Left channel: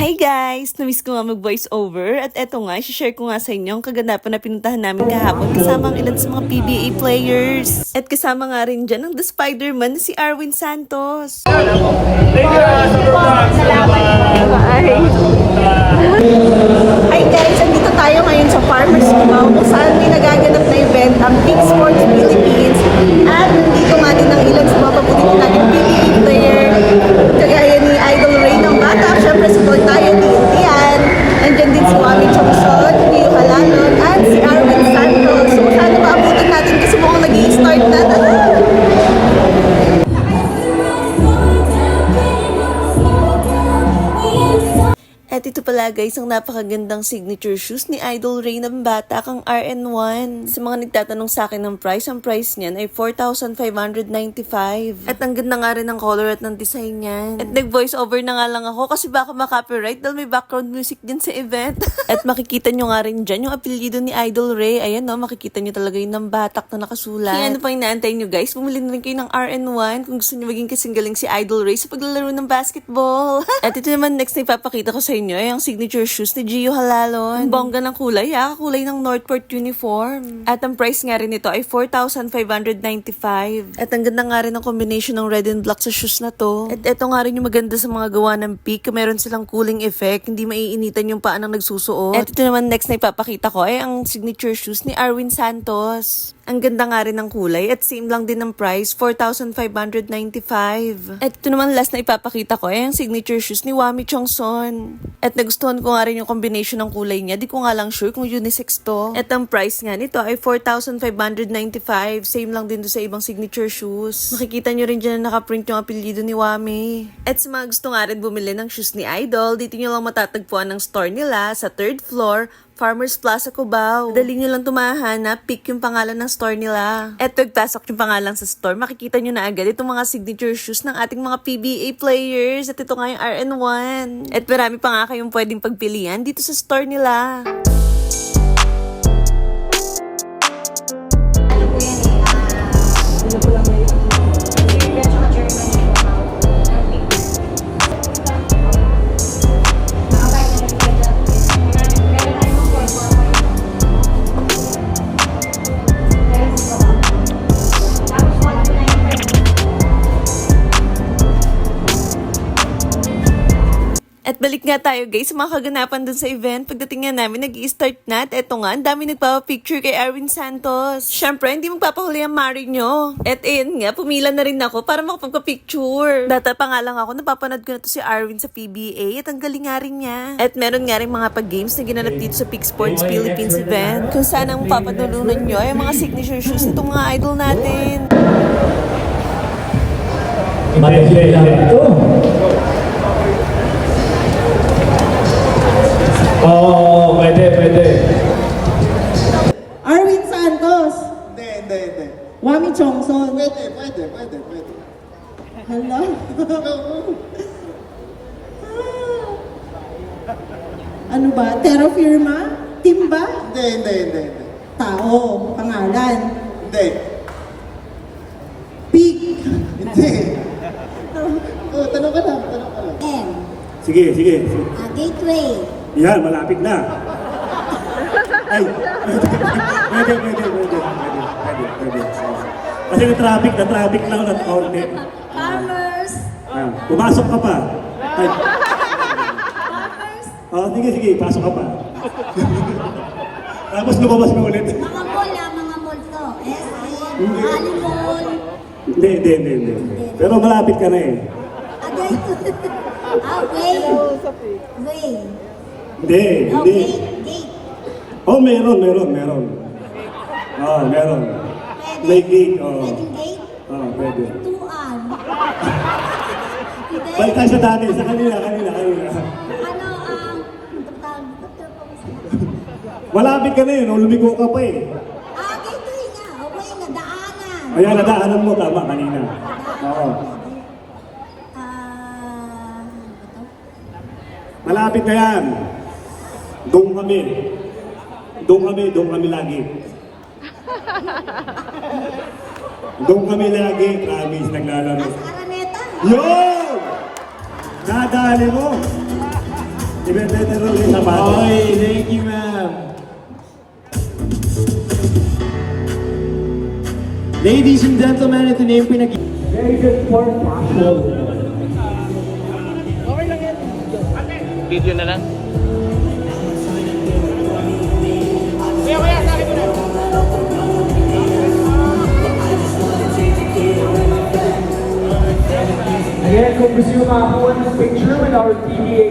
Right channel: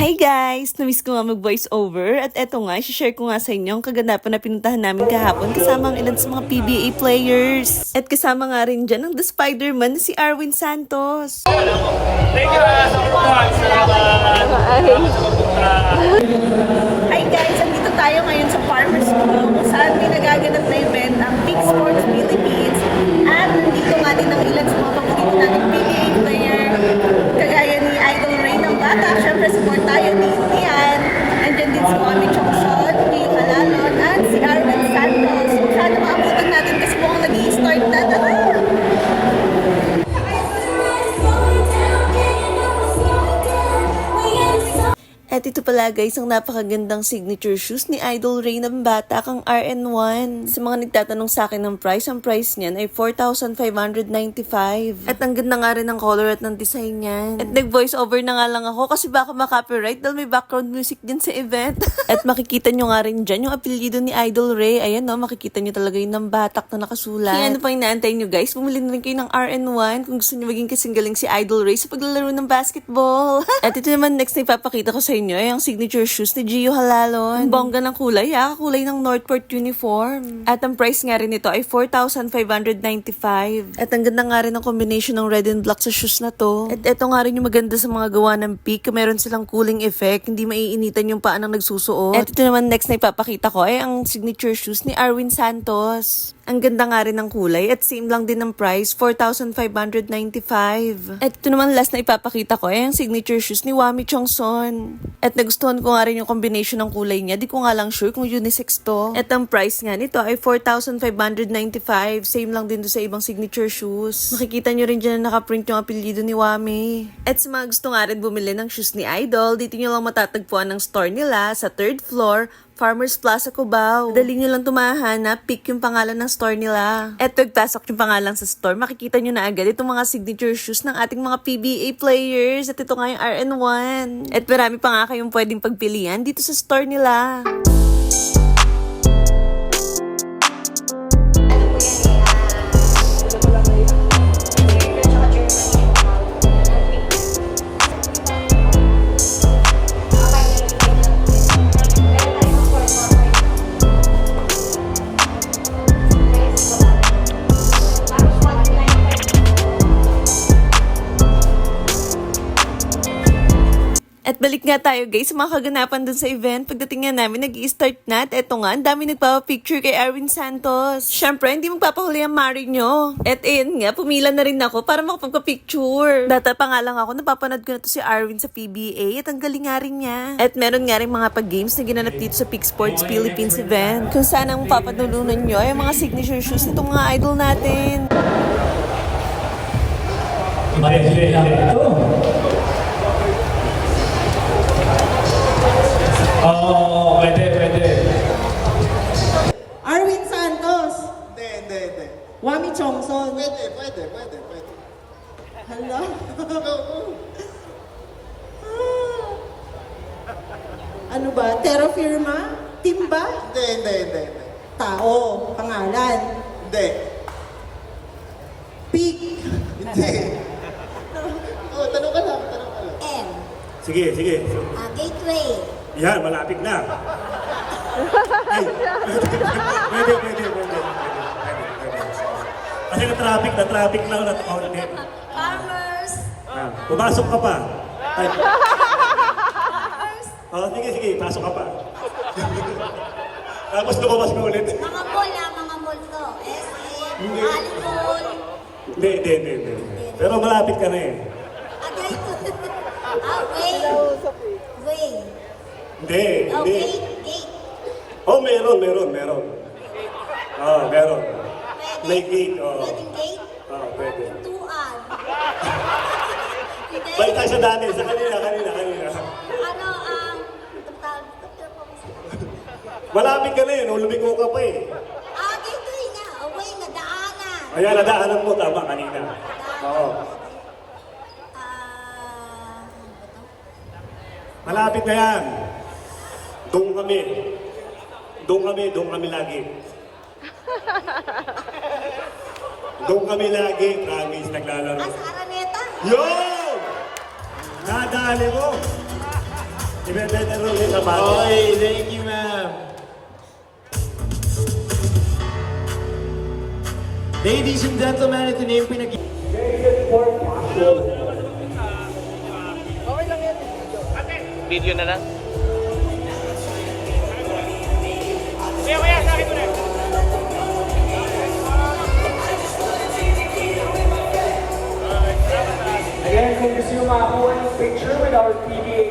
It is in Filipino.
Hi guys! Namiss ko nga mag-voice over at eto nga, share ko nga sa inyo ang kaganapan na pinuntahan namin kahapon kasama ang ilan sa mga PBA players. At kasama nga rin dyan ang The Spider-Man na si Arwin Santos. Thank you, Superbox. Salamat sa pupunta. Hi guys! Andito tayo ngayon sa Farmers Cubao kung saan may nagaganap na event ang Kick Sports Philippines. At nandito nga din ang ilan sa mga paborito natin PBA player. Kagaya ni Idol Ray ng Bata, syempre support tayo ni Ian. Nandiyan din si Wami Chongson, Rio Halalon, at si Arwin Santos. So sana maabutan natin kasi mukhang nag-i-start na. At ito pala guys, ang napakagandang signature shoes ni Idol Ray ng Bata kang RN1. Sa mga nagtatanong sa akin ng price, ang price niyan ay 4,595. At ang ganda nga rin ng color at ng design niyan. At nag-voice over na nga lang ako kasi baka makopyright dahil may background music din sa event. At makikita nyo nga rin dyan yung apelyido ni Idol Ray. Ayan no, makikita nyo talaga yung Batak na nakasulat. Kaya ano pang inaantay nyo guys, bumili na rin kayo ng RN1 kung gusto nyo maging kasing galing si Idol Ray sa paglalaro ng basketball. At ito naman next na ipapakita ko sa inyo ay ang signature shoes ni Gio Halalon. Ang bongga ng kulay, kulay ng Northport uniform. At ang price nga rin nito ay 4,595. At ang ganda nga rin ng combination ng red and black sa shoes na to. At ito nga rin yung maganda sa mga gawa ng peak. Meron silang cooling effect, hindi maiinitan yung paa ng nagsusuot. At ito naman next na ipapakita ko ay ang signature shoes ni Arwin Santos. Ang ganda nga rin ng kulay at same lang din ng price, 4,595. At ito naman last na ipapakita ko ay ang signature shoes ni Wami Chongson. At nagustuhan ko nga rin yung combination ng kulay niya. Di ko nga lang sure kung unisex to. At ang price nga nito ay 4,595. Same lang din do sa ibang signature shoes. Makikita nyo rin dyan na nakaprint yung apelyido ni Wami. At sa mga gusto nga rin bumili ng shoes ni Idol, dito nyo lang matatagpuan ng store nila sa 3rd floor, Farmers Plaza Cubao. Dali nyo lang tumahanap, pick yung pangalan ng store nila. At pagpasok yung pangalan sa store, makikita nyo na agad itong mga signature shoes ng ating mga PBA players. At ito nga yung RN1. At marami pa nga kayong pwedeng pagpilian dito sa store nila. At balik nga tayo guys sa mga kaganapan dun sa event. Pagdating nga namin, nag-i-start na. At eto nga, ang dami nagpapapicture kay Arwin Santos. Siyempre, hindi magpapahuli ang mari nyo. At ayun nga, pumila na rin ako para makapagpa-picture. Data pa nga lang ako, napapanood ko na to si Arwin sa PBA at ang galing nga rin niya. At meron nga rin mga pag-games na ginanap dito sa Kick Sports Philippines event. Kung saan ang papadulunan nyo ay mga signature shoes nitong mga idol natin. Matindi lang ito. Oo, pwede. Arwin Santos. Hindi. Wami Chongson. Pwede. Hala. Ano ba? Terra Firma? Team ba? Hindi. Tao. Pangalan. Hindi. Peak. Hindi. Oh, tanong ka lang. M. Sige. Gateway. Yan, malapit na. Ay, pwede. Kasi na-traffic lang na konti. Farmers. Pumasok ka pa. Ay, Farmers. sige, pasok ka pa. Tapos lumabas ka ulit. Mga mall to. SM. Hindi. Ali Mall. Hindi. Pero malapit ka na eh. Gateway. Way. Hindi. Gate. Oh, meron. Oh, meron. May gate, Pwedeng gate. pwede. Tuan. Hindi. Balik tayo sa dati, sa kanila. Ano, Malapit ka na eh, lumigo ka pa eh. gateway nga. Okay, nadaanan. Ayan, nadaanan mo, tama kanina. Oo. Ano ba to? Malapit na yan. Doon kami lagi. Doon kami lagi, promise, naglalaro. As Araneta. Yo! Dadali mo! Ibebenta raw yung sapatos. Okay, thank you, ma'am. Ladies and gentlemen, ito na yung pinag- Video na na. Again, kung gusto nyo makakuha ng picture with our PDA